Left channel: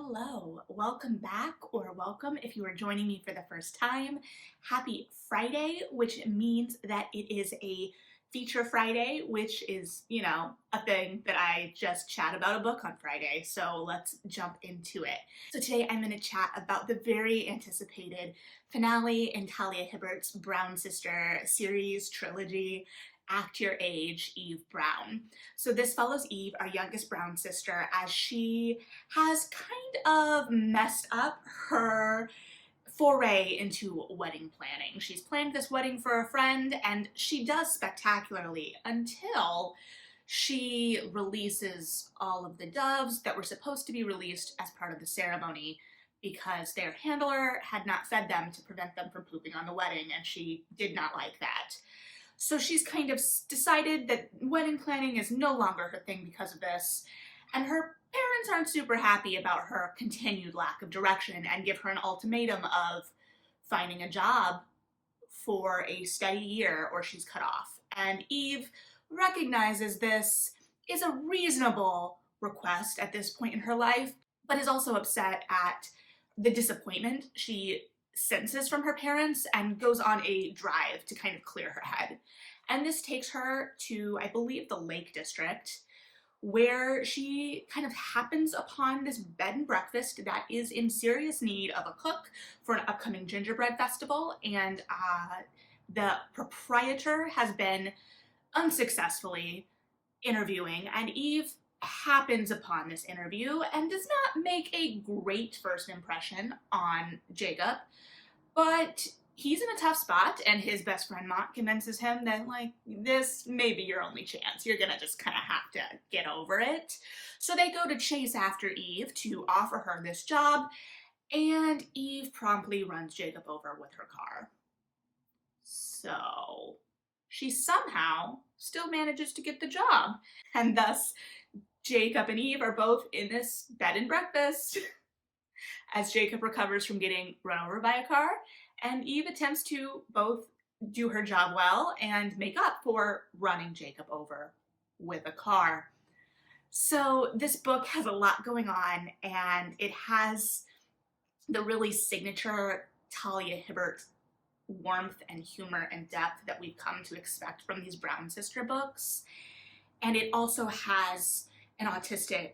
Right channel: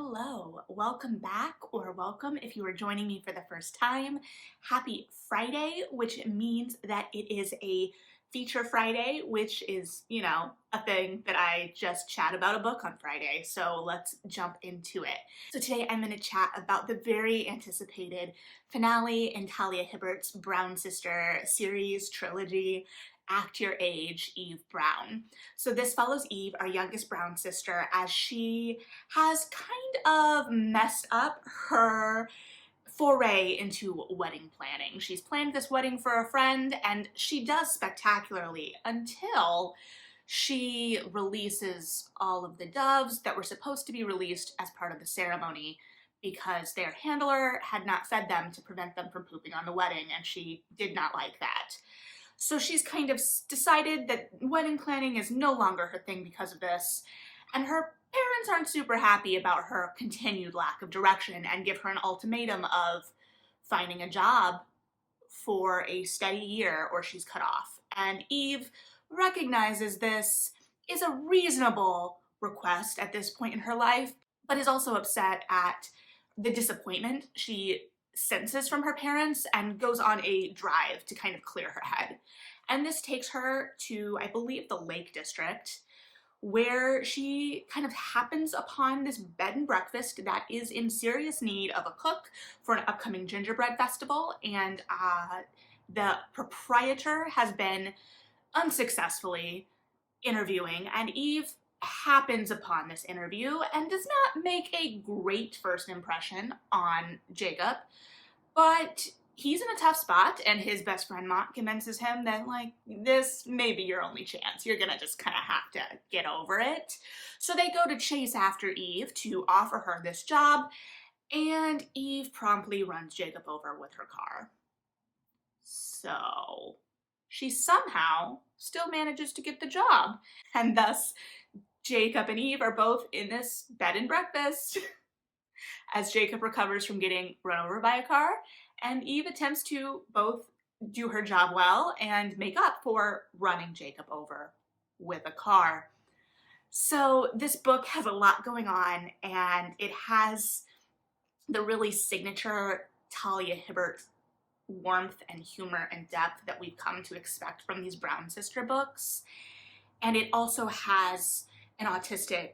Hello, welcome back, or welcome if you are joining me for the first time. Happy Friday, which means that it is a feature Friday, which is, a thing that I just chat about a book on Friday. So let's jump into it. So today I'm going to chat about the very anticipated finale in Talia Hibbert's Brown Sister series trilogy, Act Your Age, Eve Brown. So this follows Eve, our youngest Brown sister, as she has kind of messed up her foray into wedding planning. She's planned this wedding for a friend, and she does spectacularly until she releases all of the doves that were supposed to be released as part of the ceremony because their handler had not fed them to prevent them from pooping on the wedding, and she did not like that. So she's kind of decided that wedding planning is no longer her thing because of this, and her parents aren't super happy about her continued lack of direction and give her an ultimatum of finding a job for a steady year or she's cut off. And Eve recognizes this is a reasonable request at this point in her life, but is also upset at the disappointment she senses from her parents and goes on a drive to kind of clear her head. And this takes her to, I believe, the Lake District, where she kind of happens upon this bed and breakfast that is in serious need of a cook for an upcoming gingerbread festival. And the proprietor has been unsuccessfully interviewing, and Eve happens upon this interview and does not make a great first impression on Jacob, but he's in a tough spot, and his best friend Mont convinces him that, this may be your only chance. You're gonna just kind of have to get over it. So they go to chase after Eve to offer her this job, and Eve promptly runs Jacob over with her car. So she somehow still manages to get the job, and thus Jacob and Eve are both in this bed and breakfast as Jacob recovers from getting run over by a car, and Eve attempts to both do her job well and make up for running Jacob over with a car. So this book has a lot going on, and it has the really signature Talia Hibbert warmth and humor and depth that we've come to expect from these Brown sister books. And it also has an autistic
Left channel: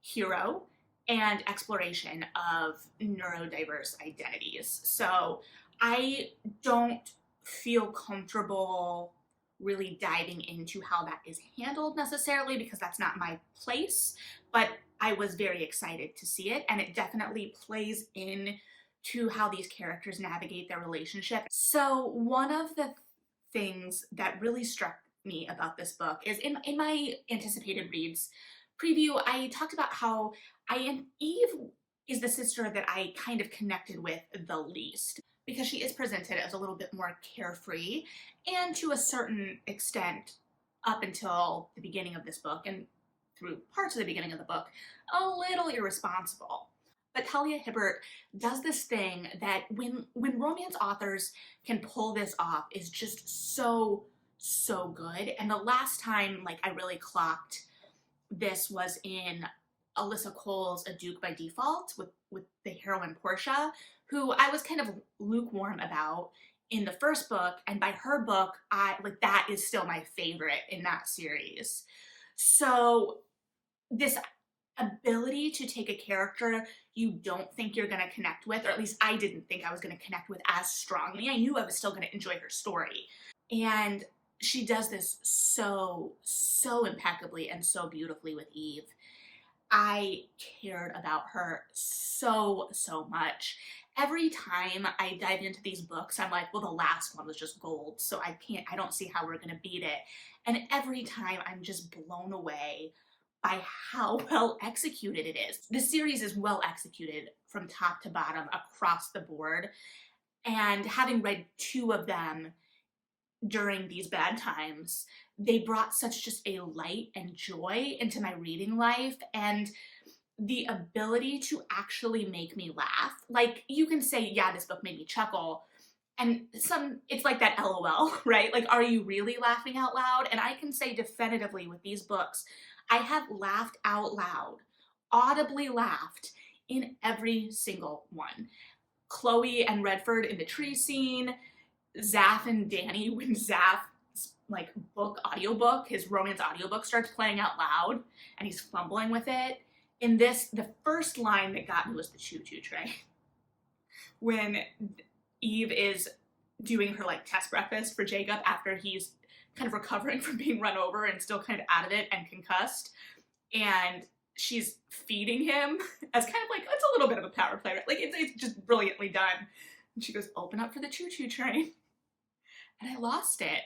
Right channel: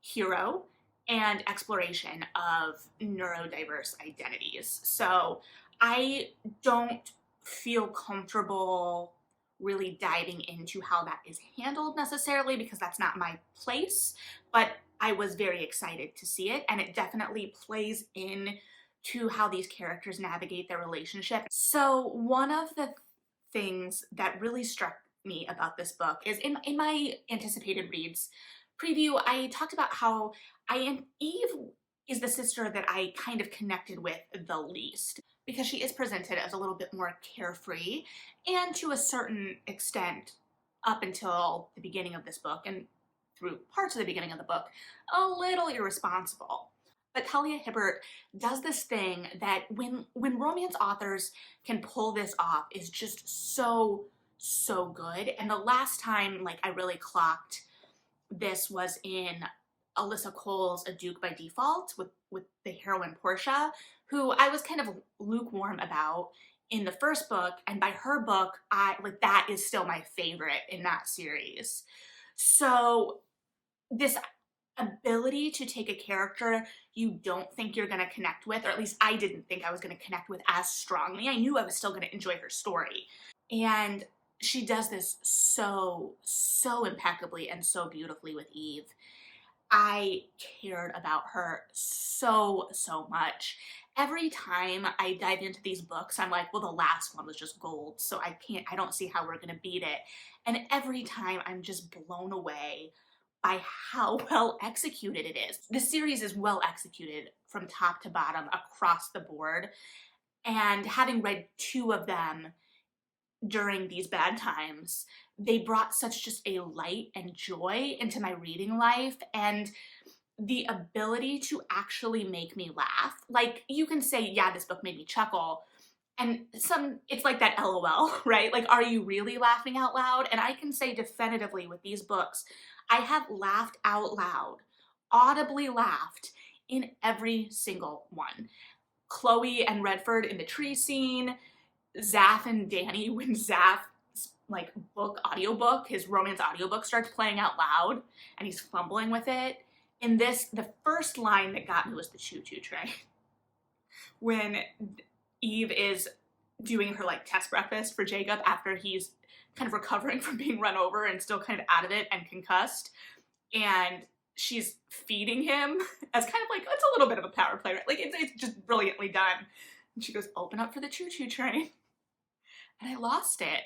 hero and exploration of neurodiverse identities. So I don't feel comfortable really diving into how that is handled necessarily because that's not my place, but I was very excited to see it, and it definitely plays in to how these characters navigate their relationship. So one of the things that really struck me about this book is in my anticipated reads preview, I talked about how Eve is the sister that I kind of connected with the least because she is presented as a little bit more carefree and to a certain extent up until the beginning of this book and through parts of the beginning of the book, a little irresponsible. But Talia Hibbert does this thing that when romance authors can pull this off is just so good. And the last time I really clocked this was in Alyssa Cole's A Duke by Default with the heroine Portia, who I was kind of lukewarm about in the first book, and by her book, that is still my favorite in that series. So this ability to take a character you don't think you're going to connect with, or at least I didn't think I was going to connect with as strongly. I knew I was still going to enjoy her story. And she does this so impeccably and so beautifully with Eve. I cared about her so much. Every time I dive into these books, I'm like, well, the last one was just gold, so I don't see how we're going to beat it. And every time I'm just blown away by how well executed it is. The series is well executed from top to bottom across the board. And having read two of them during these bad times, they brought such just a light and joy into my reading life, and the ability to actually make me laugh. You can say, yeah, this book made me chuckle, and it's like that LOL, right? Are you really laughing out loud? And I can say definitively with these books, I have laughed out loud, audibly laughed in every single one. Chloe and Redford in the tree scene, Zaph and Danny when Zaph's like audiobook, his romance audiobook starts playing out loud and he's fumbling with it. In this, the first line that got me was the choo-choo train. When Eve is doing her like test breakfast for Jacob after he's kind of recovering from being run over and still kind of out of it and concussed. And she's feeding him as kind of like, it's a little bit of a power play. Like it's just brilliantly done. And she goes, open up for the choo-choo train. And I lost it.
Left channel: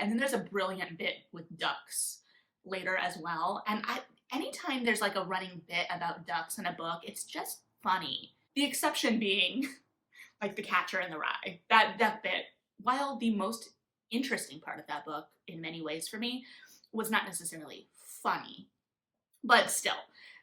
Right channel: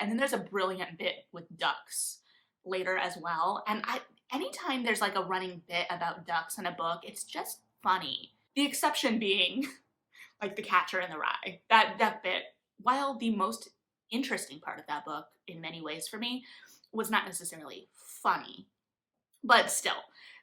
And then there's a brilliant bit with ducks later as well. And anytime there's like a running bit about ducks in a book, it's just funny. The exception being like The Catcher in the Rye. That bit, while the most interesting part of that book in many ways for me, was not necessarily funny. But still,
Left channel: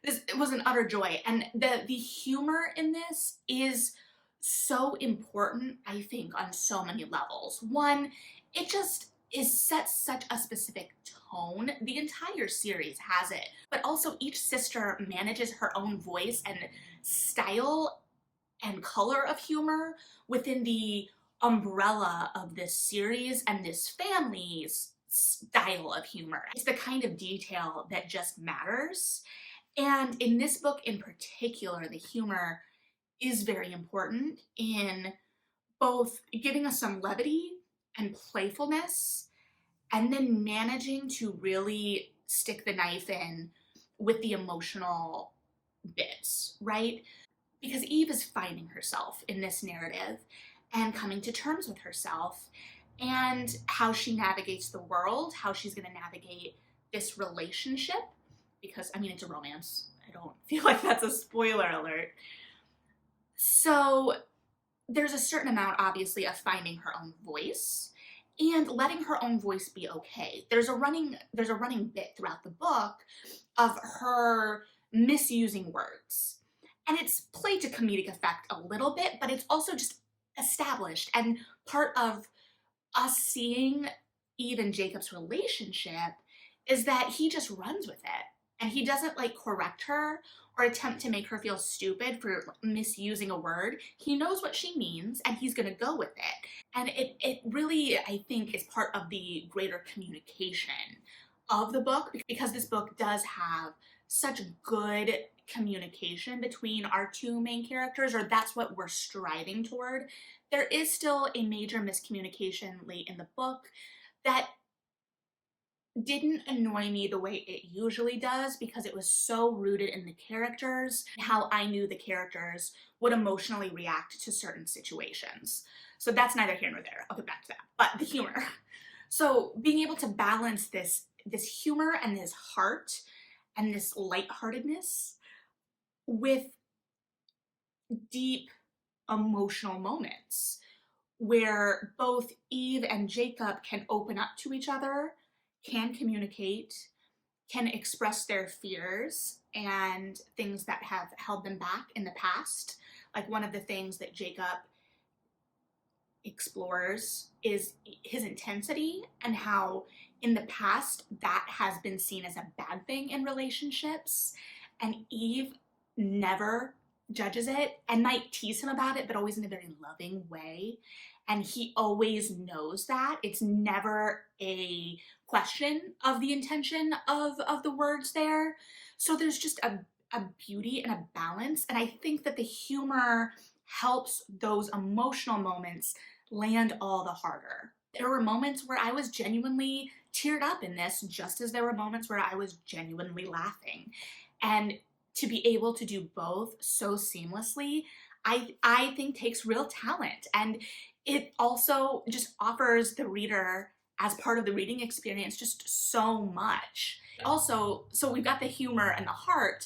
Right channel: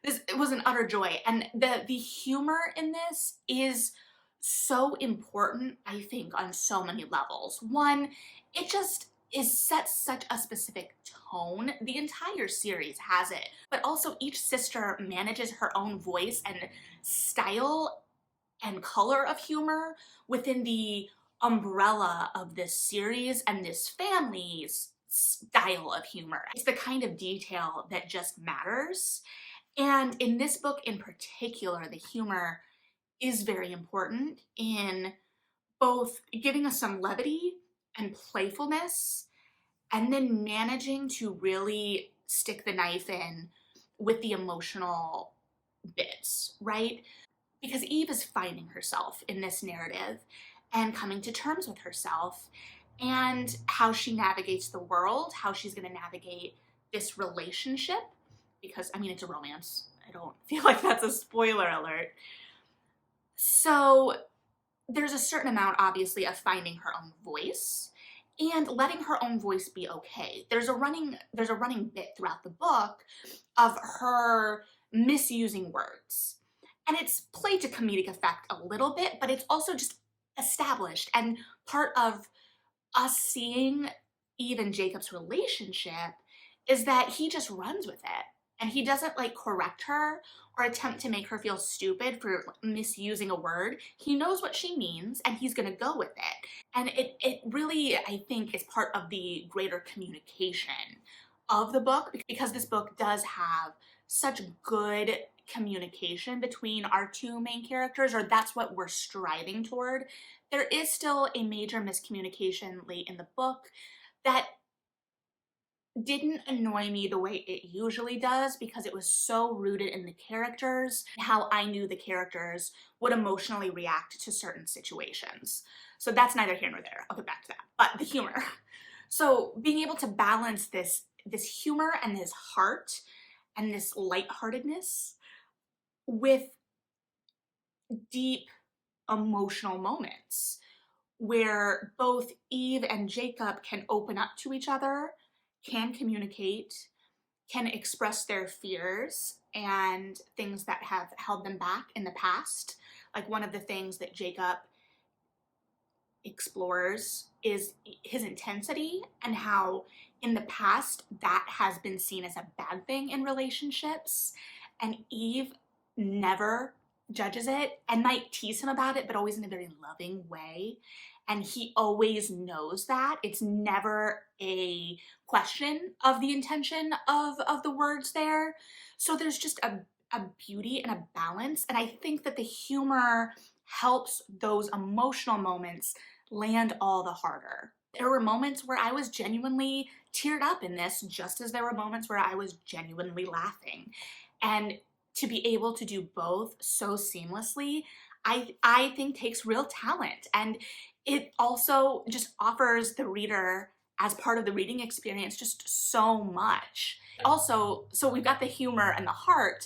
it was an utter joy. And the humor in this is so important, I think, on so many levels. One, it just sets such a specific tone. The entire series has it. But also each sister manages her own voice and style and color of humor within the umbrella of this series and this family's style of humor. It's the kind of detail that just matters. And in this book in particular, the humor is very important in both giving us some levity and playfulness, and then managing to really stick the knife in with the emotional bits, right? Because Eve is finding herself in this narrative and coming to terms with herself and how she navigates the world, how she's going to navigate this relationship. Because, I mean, it's a romance. I don't feel like that's a spoiler alert. So there's a certain amount, obviously, of finding her own voice and letting her own voice be okay. There's a running bit throughout the book of her misusing words. And it's played to comedic effect a little bit, but it's also just established. And part of us seeing Eve and Jacob's relationship is that he just runs with it. And he doesn't like correct her or attempt to make her feel stupid for misusing a word. He knows what she means and he's gonna go with it. And it really, I think, is part of the greater communication of the book, because this book does have such good communication between our two main characters, or that's what we're striving toward. There is still a major miscommunication late in the book that didn't annoy me the way it usually does, because it was so rooted in the characters, how I knew the characters would emotionally react to certain situations. So that's neither here nor there. I'll get back to that. But the humor. So being able to balance this humor and this heart and this lightheartedness with deep emotional moments where both Eve and Jacob can open up to each other, can communicate, can express their fears and things that have held them back in the past. Like one of the things that Jacob explores is his intensity and how in the past that has been seen as a bad thing in relationships. And Eve never judges it and might tease him about it, but always in a very loving way. And he always knows that. It's never a question of the intention of the words there. So there's just a beauty and a balance. And I think that the humor helps those emotional moments land all the harder. There were moments where I was genuinely teared up in this, just as there were moments where I was genuinely laughing. And to be able to do both so seamlessly, I think takes real talent. And it also just offers the reader, as part of the reading experience, just so much. Also, so we've got the humor and the heart,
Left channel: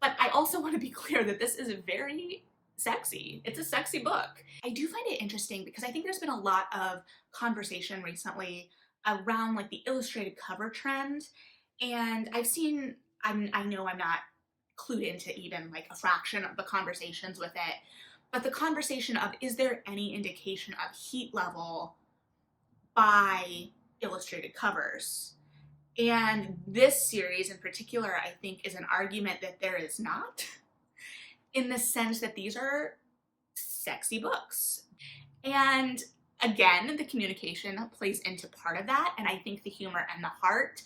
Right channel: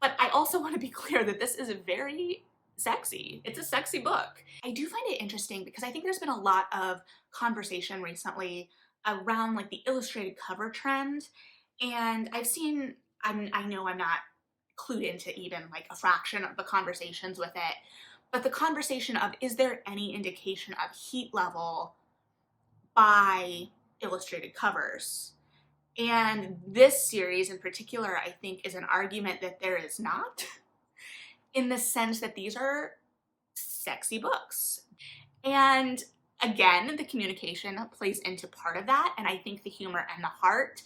but I also want to be clear that this is very sexy. It's a sexy book. I do find it interesting because I think there's been a lot of conversation recently around like the illustrated cover trend. And I've seen, I know I'm not clued into even like a fraction of the conversations with it, but the conversation of, is there any indication of heat level by illustrated covers? And this series in particular, I think, is an argument that there is not. in the sense that these are sexy books. And again, the communication plays into part of that. And I think the humor and the heart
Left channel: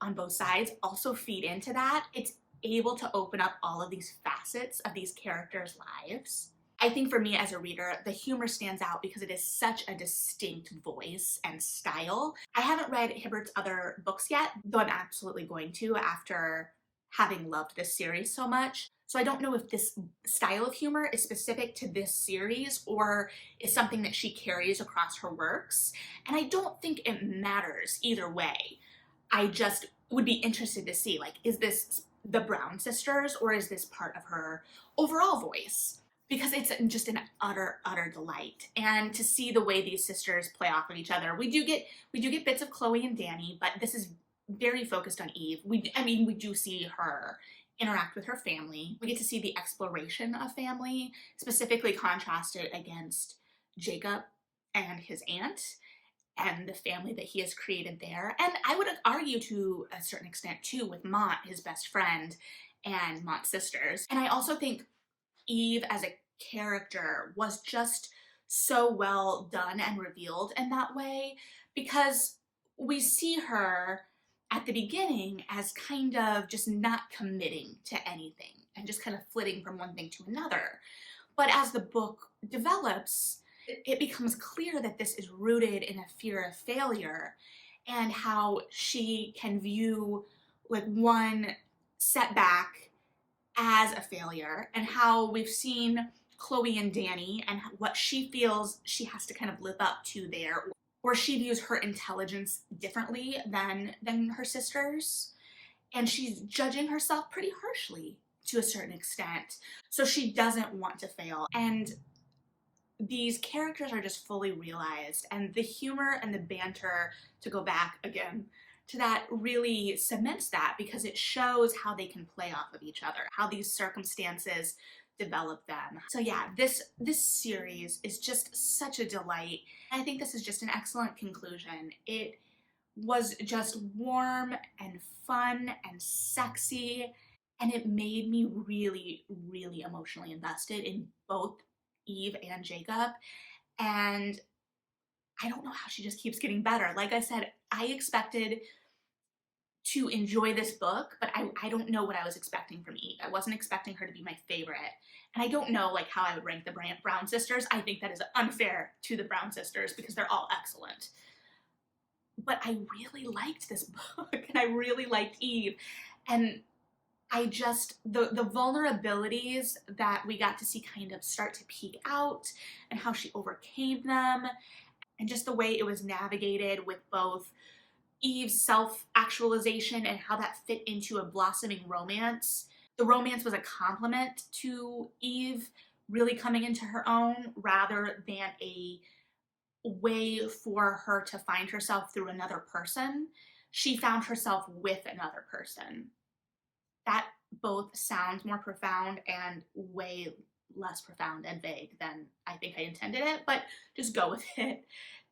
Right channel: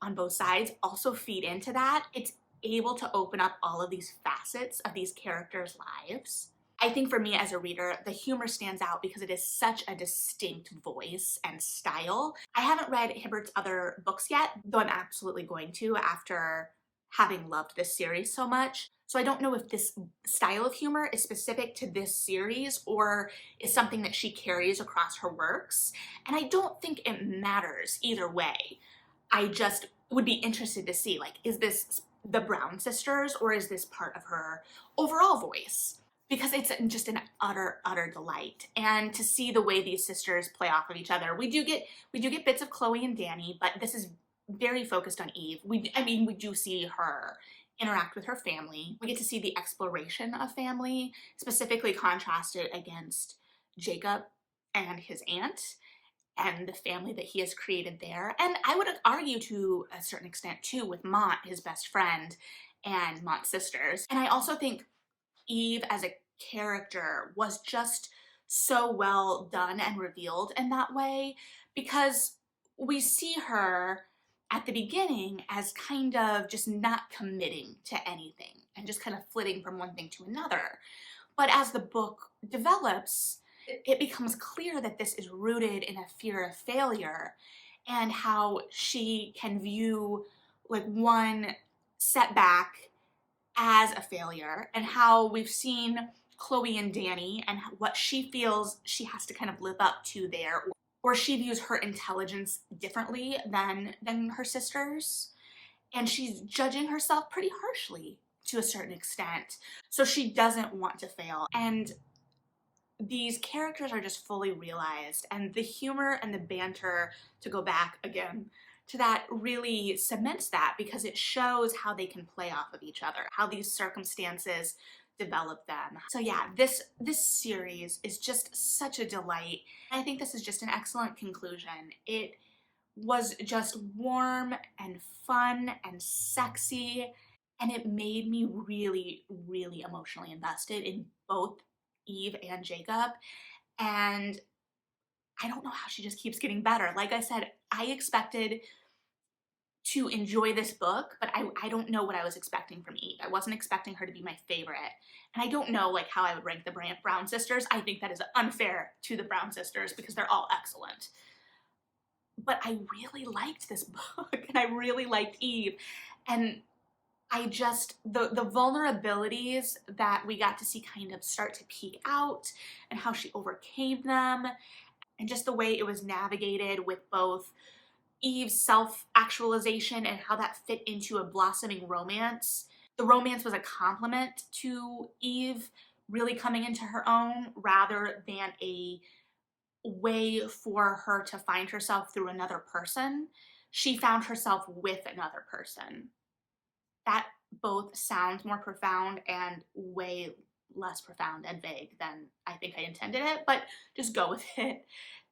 on both sides also feed into that. It's able to open up all of these facets of these characters' lives. I think for me as a reader, the humor stands out because it is such a distinct voice and style. I haven't read Hibbert's other books yet, though I'm absolutely going to after having loved this series so much. So I don't know if this style of humor is specific to this series or is something that she carries across her works. And I don't think it matters either way. I just would be interested to see, like, is this the Brown sisters or is this part of her overall voice? Because it's just an utter delight. And to see the way these sisters play off of each other. We do get bits of Chloe and Danny, but this is very focused on Eve. We do see her interact with her family. We get to see the exploration of family, specifically contrasted against Jacob and his aunt and the family that he has created there. And I would argue to a certain extent too with Mont, his best friend, and Mont's sisters. And I also think Eve as a character was just so well done and revealed in that way, because we see her at the beginning as kind of just not committing to anything and just kind of flitting from one thing to another. But as the book develops, it becomes clear that this is rooted in a fear of failure and how she can view like one setback as a failure, and how we've seen Chloe and Danny and what she feels she has to kind of live up to there, or she views her intelligence differently than her sisters, and she's judging herself pretty harshly to a certain extent. So she doesn't want to fail. And these characters are just fully realized, and the humor and the banter, to go back again to that, really cements that because it shows how they can play off of each other, how these circumstances develop them. So yeah, this series is just such a delight. I think this is just an excellent conclusion. It was just warm and fun and sexy, and it made me really, really emotionally invested in both Eve and Jacob. And I don't know how she just keeps getting better. Like I said, I expected to enjoy this book, but I don't know what I was expecting from Eve. I wasn't expecting her to be my favorite. And I don't know like how I would rank the Brown sisters. I think that is unfair to the Brown sisters because they're all excellent. But I really liked this book, and I really liked Eve. And I just, the vulnerabilities that we got to see kind of start to peek out and how she overcame them, and just the way it was navigated with both Eve's self-actualization and how that fit into a blossoming romance. The romance was a compliment to Eve really coming into her own rather than a way for her to find herself through another person. She found herself with another person. That both sounds more profound and way less profound and vague than I think I intended it, but just go with it.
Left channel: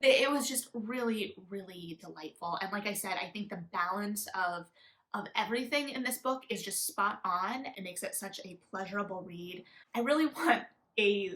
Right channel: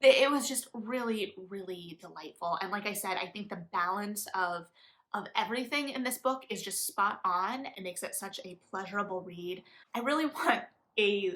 It was just really, really delightful. And like I said, I think the balance of everything in this book is just spot on and makes it such a pleasurable read. I really want a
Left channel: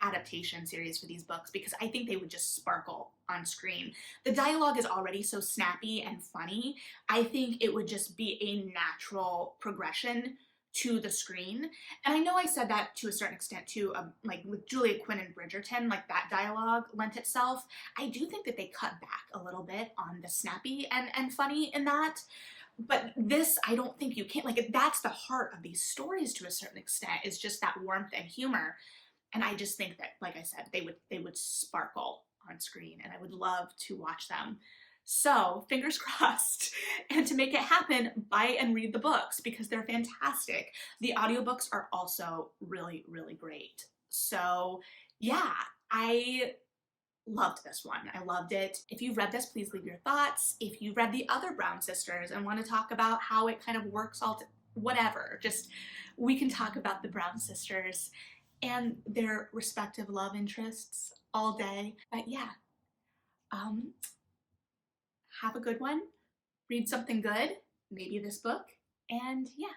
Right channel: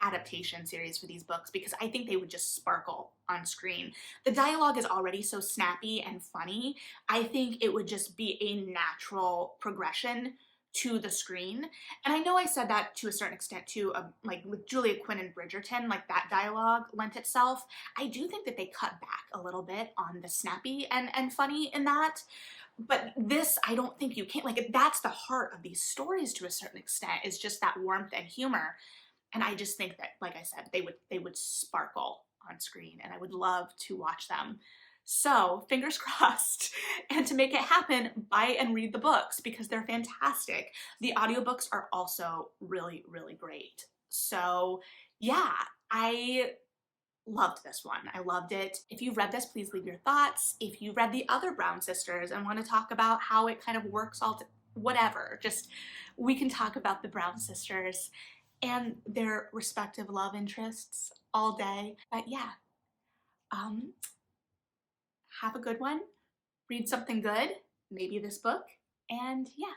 adaptation series for these books because I think they would just sparkle on screen. The dialogue is already so snappy and funny. I think it would just be a natural progression to the screen. And I know I said that to a certain extent too, like with Julia Quinn and Bridgerton, like that dialogue lent itself. I do think that they cut back a little bit on the snappy and funny in that. But this, I don't think you can, like, that's the heart of these stories to a certain extent, is just that warmth and humor. And I just think that, like I said, they would sparkle on screen, and I would love to watch them. So fingers crossed. And to make it happen, buy and read the books because they're fantastic. The audiobooks are also really, really great. So yeah, I loved this one. I loved it. If you've read this, please leave your thoughts. If you read the other Brown sisters and want to talk about how it kind of works whatever, just we can talk about the Brown sisters and their respective love interests all day. But yeah, have a good one. Read something good, maybe this book, and yeah.